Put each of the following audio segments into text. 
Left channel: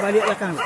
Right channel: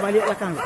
Balik belakang.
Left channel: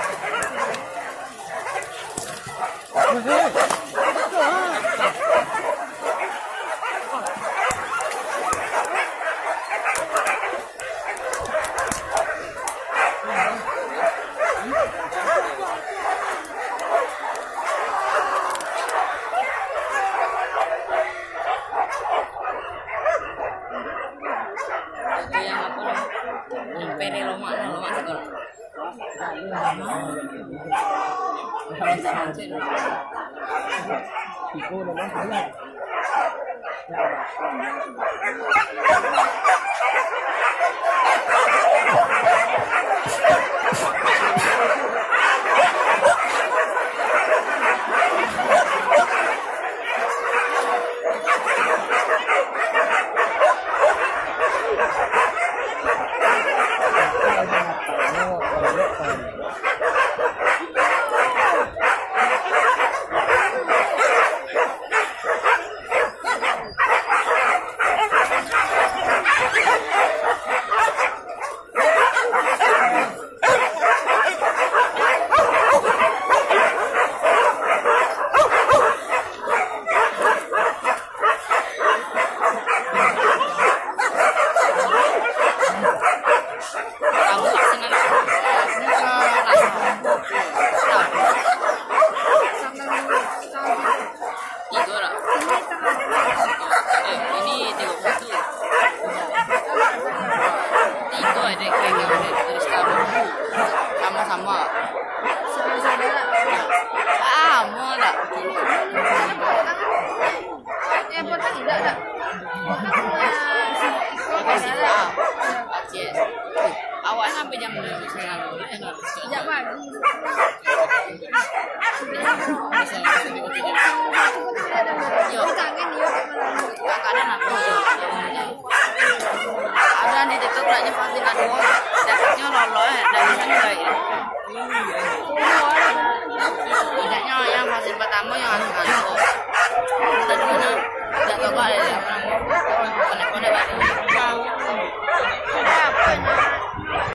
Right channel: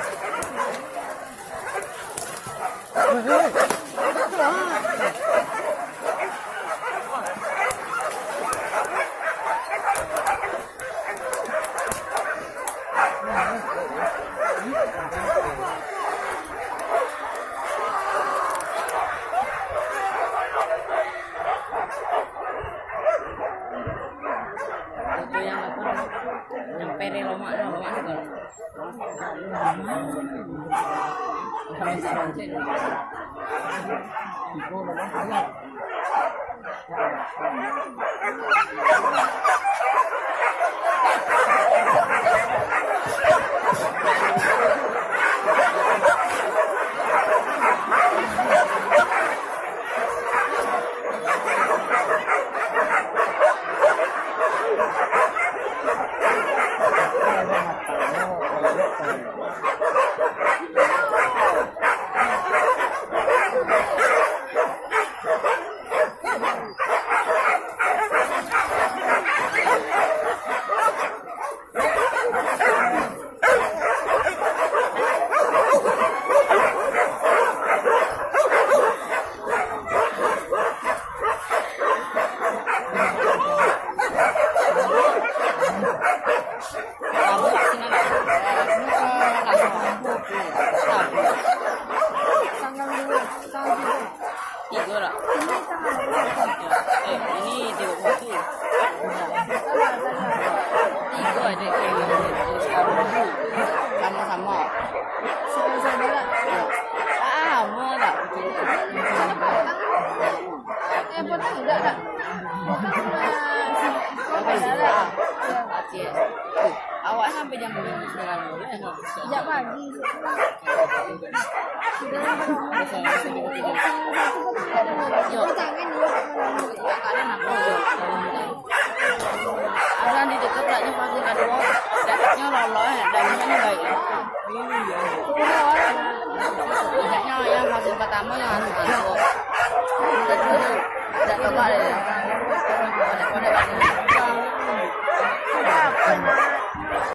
Sama-sama. Saudara. Mau tak? Yang potong udah tak? Aceh. Awak sampai jam 9 boleh tak? Sejak pagi. Kadang aku ada di TikTok lagi vaksin kedua, dapatnya lolos dan ini baik. Tidaknya yang vaksin pertama yang harus masuk.